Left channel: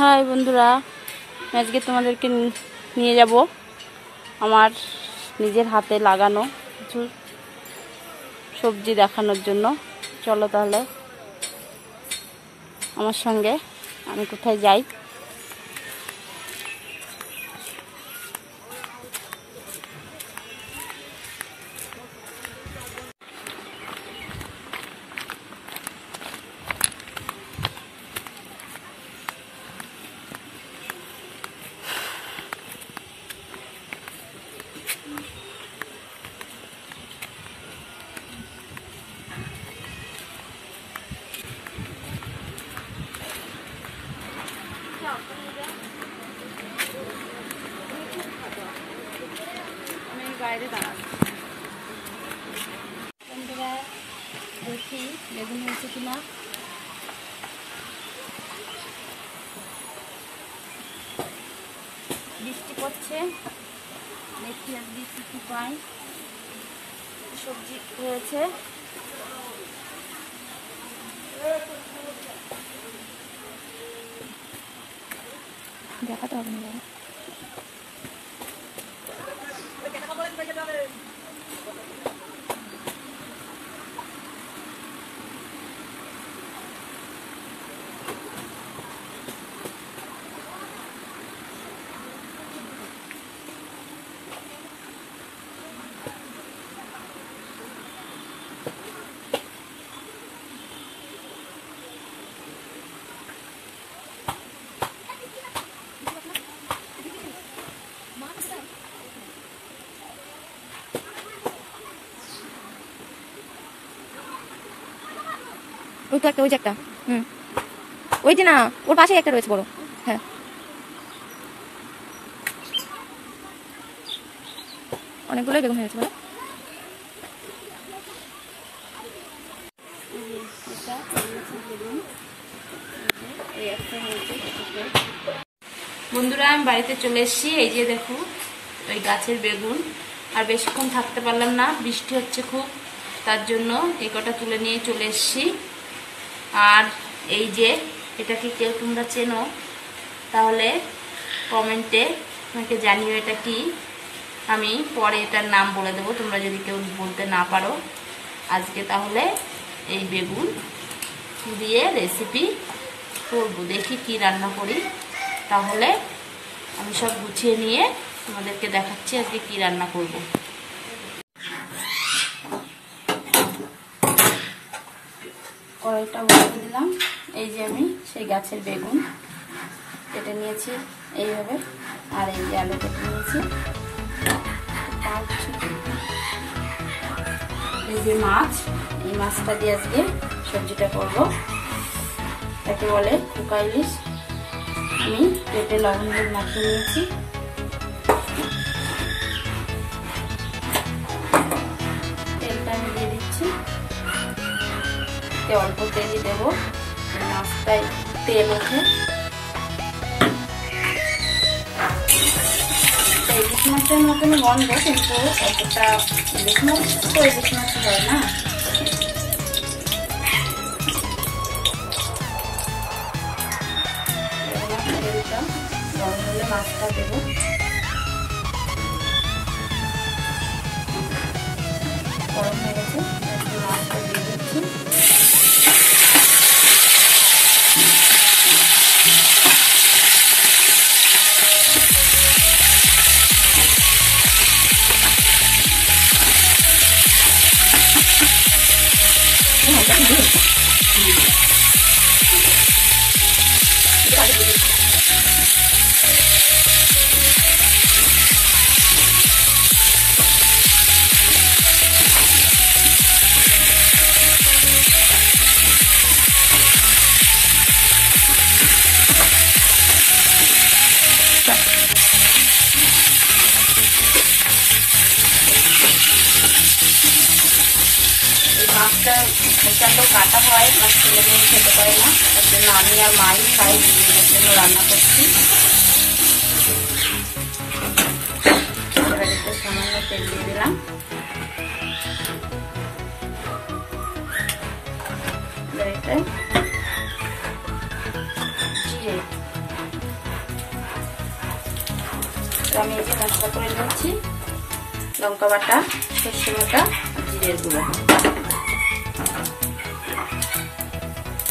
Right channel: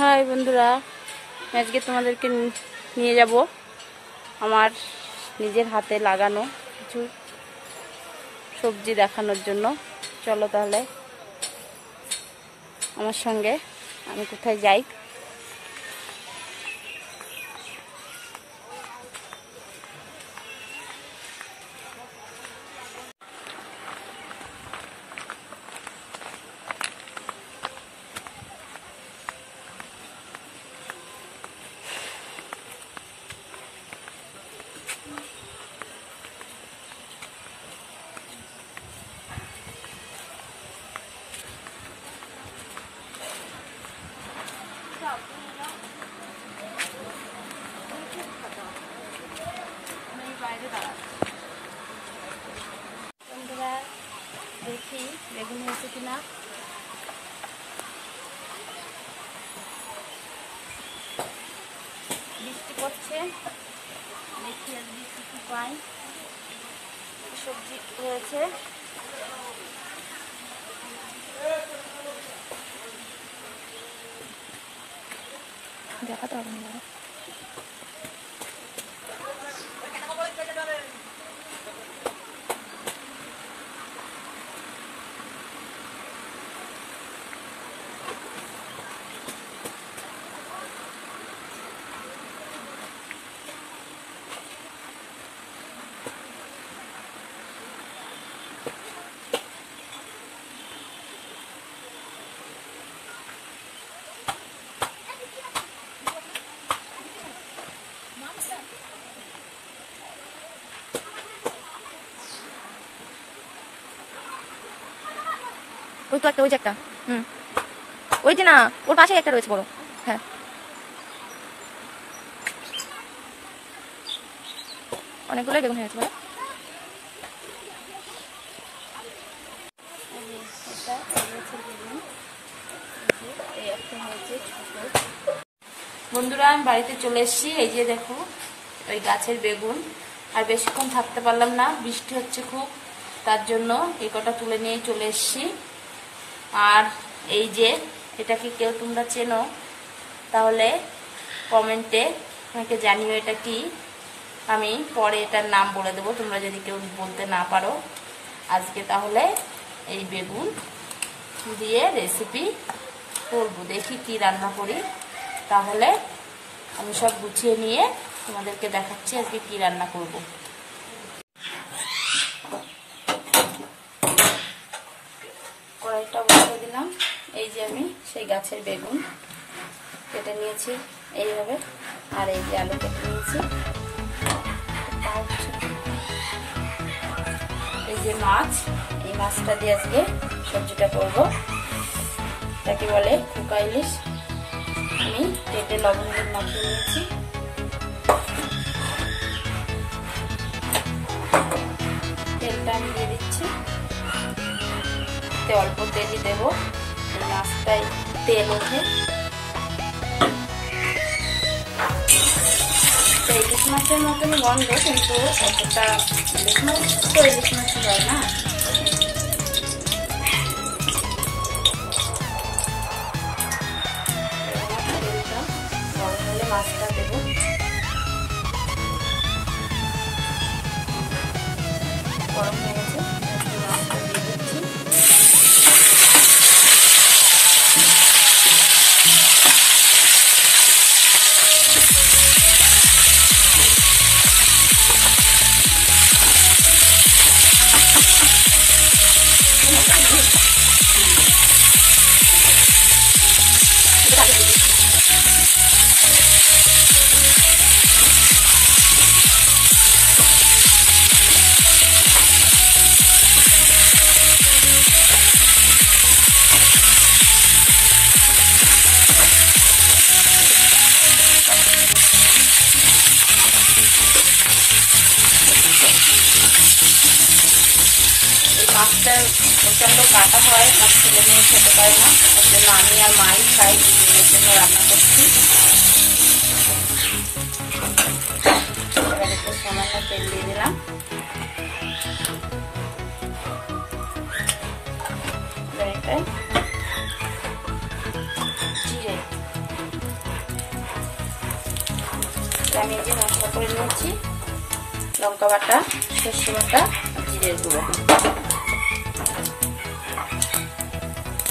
High বন্ধুরা, আজকে তোমাদেরকে নিয়ে যাব আমার নিজের হাতে লাগানো কিছু সবজি দেখানোর জন্য। চলো তাহলে আমার সঙ্গে, আমি কোথায় যাই। বন্ধুরা দেখি বেগুন হয়েছে কিনা। বৃষ্টি পড়ছে, দেখি আর বৃষ্টি কি পাই। সবজি হয়েছে, দেখাতে হবে না। ওই তো একটা, ওই যে একটা, ওই যে না, ওর পাশে একটা রয়েছে বড়। হ্যাঁ, অনেকগুলোই বেগুন হয়েছে বলে। বন্ধুরা আমি বাড়িতে চলে এসেছি। এই যে দেখো ওই গাছের বেগুন। আর বেশিক্ষণ থাকতে পারলাম না, বৃষ্টি হচ্ছে খুব, তার জন্য এই কটা তুলে নিয়ে চলে এসেছি। আর এই যে এটা কি কেউ তোমরা চেনো তাহলে কমেন্টে আমাকে জানিও এটা কি। আমি পরে এটার নাম বলে দেবো, তোমরা যদি কেউ বলতে না পারো। আজকে তাহলে এই বেগুন দিয়ে রেসিপি করবো, দেখি কি রান্না করি। তাহলে আমি সব গুছিয়ে নিয়ে তোমাদেরকে দেখাচ্ছি আজকে কি রান্না করব। কড়াইটা বসিয়ে দিলাম। এই যে আমি সেই গাছের বেগুন কেটে নিয়েছি এইভাবে, আর এই যে আলু কেটে নিয়েছি। এই যে মাছ, এই মাছটা দিয়ে আজকে সবজিটা করবো। তাকে বলে পোকা ইলিশ। আমি পেটে লবণ দিয়ে মাখিয়ে নিয়েছি। তেলটা আমি দিয়ে দিচ্ছি, অল্প তেলই দেবো, মাছটাই তেল ওঠে। ইলিশ মাছের মতন গন্ধ, কিন্তু এতটা ইলিশ মাছ তো ইলিশ মাছ হয় না। মাছটা দেবো, গরম হয়ে গেছে, মাছটা দিয়ে দিচ্ছি। মাছটা কাটা হয়, মাছ ছেলে মেয়ে খেতে পারে না, তার জন্য আমি আর মাই খাই, নিজের জন্য রান্না করছি। এবার একটু সামান্য তেল দিয়ে দিলাম। জিরে আমি এই যে মশলা করে নিয়েছি, লঙ্কা বাটা, সর্ষে বাটা, জিরের গুঁড়ো।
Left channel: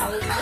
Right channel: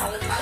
আলুটা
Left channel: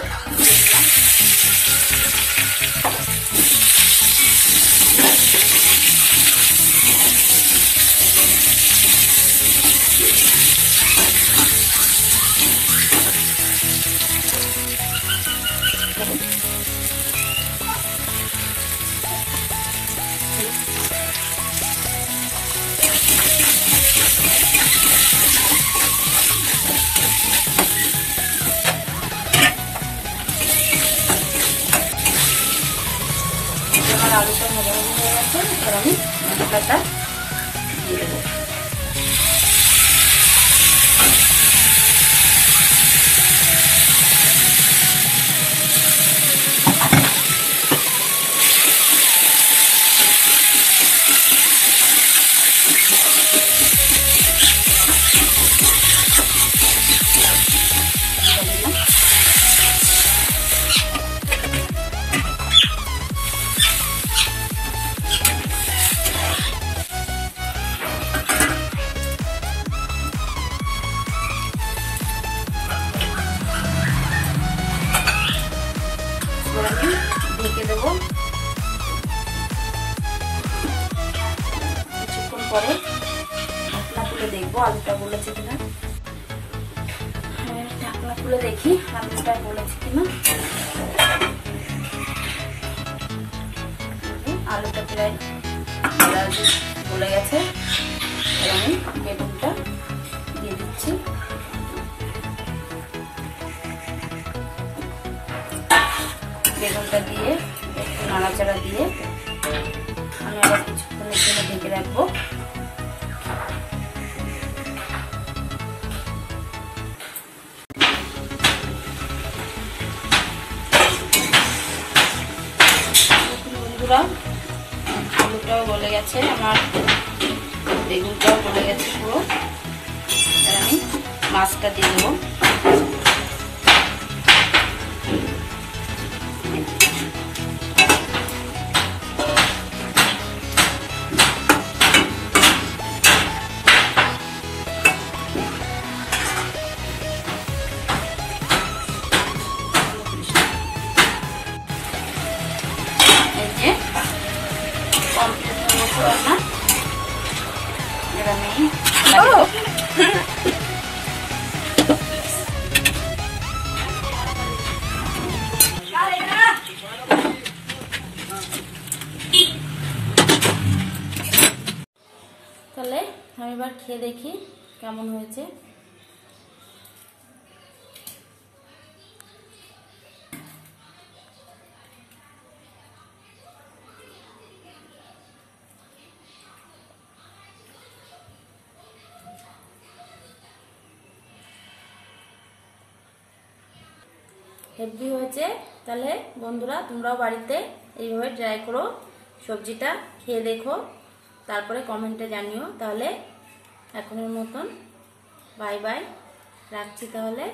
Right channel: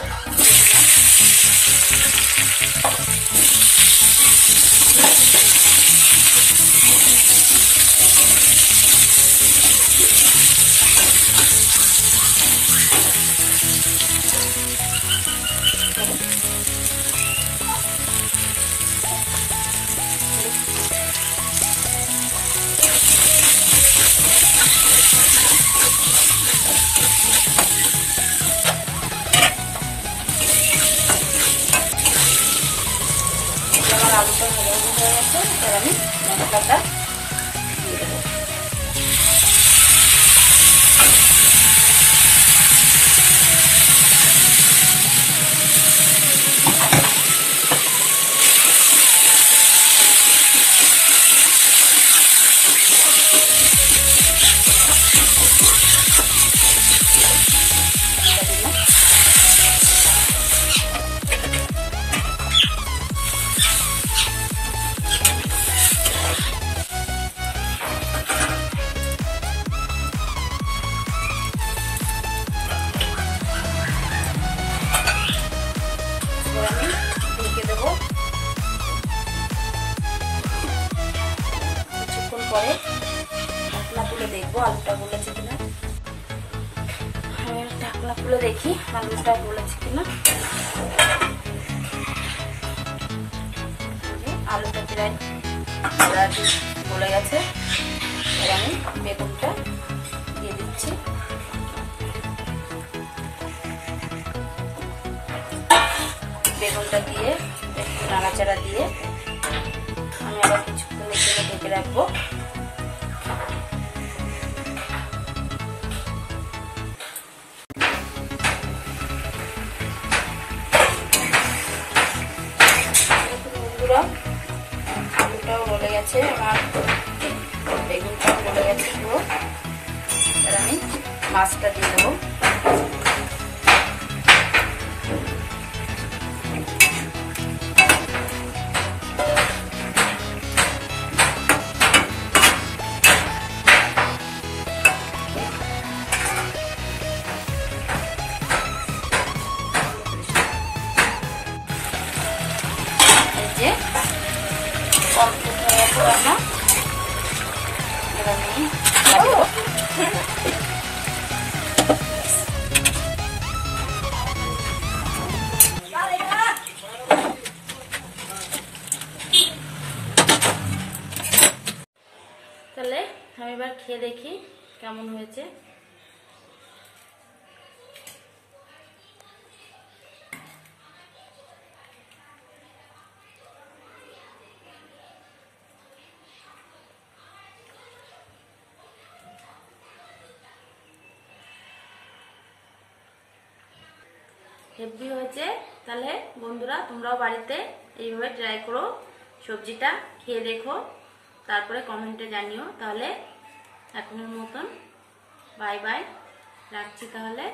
ভাজা হয়ে গেছে, এবার আমি মশলাটা দিয়ে দেবো। ঢেকে দেবো, কিছুক্ষণ পরে ঢাকনা খুলে দেখবো আলুটা গলেছে কিনা। ঢাকনা খুলে দেখি আলুটা গলেছে কিনা। আলুটা প্রায় গলে গেছে, এবার আমি বেগুনটা দিয়ে দিচ্ছি। বেগুনটা দিয়ে একটু নাড়াচাড়া দিয়ে আমি আবার কিছুক্ষণের জন্য ঢেকে রাখবো। বন্ধুরা, আলুটাও গলে গেছে, আমার বেগুনটাও গলে গেছে পুরো। এবার আমি মাছটা দিয়ে দেবো। তাহলে আমি এবার খেয়ে দেখি কেমন হয়েছে। হেভি হয়েছে। তাহলে বন্ধুরা, তোমরাও বাড়িতে এইভাবে ট্রাই করো, সবজিটা খেয়ে দেখো, তারপরে কমেন্টে জানিও। তাহলে এখনের মতন বাই বাই, রাখছি তাহলে।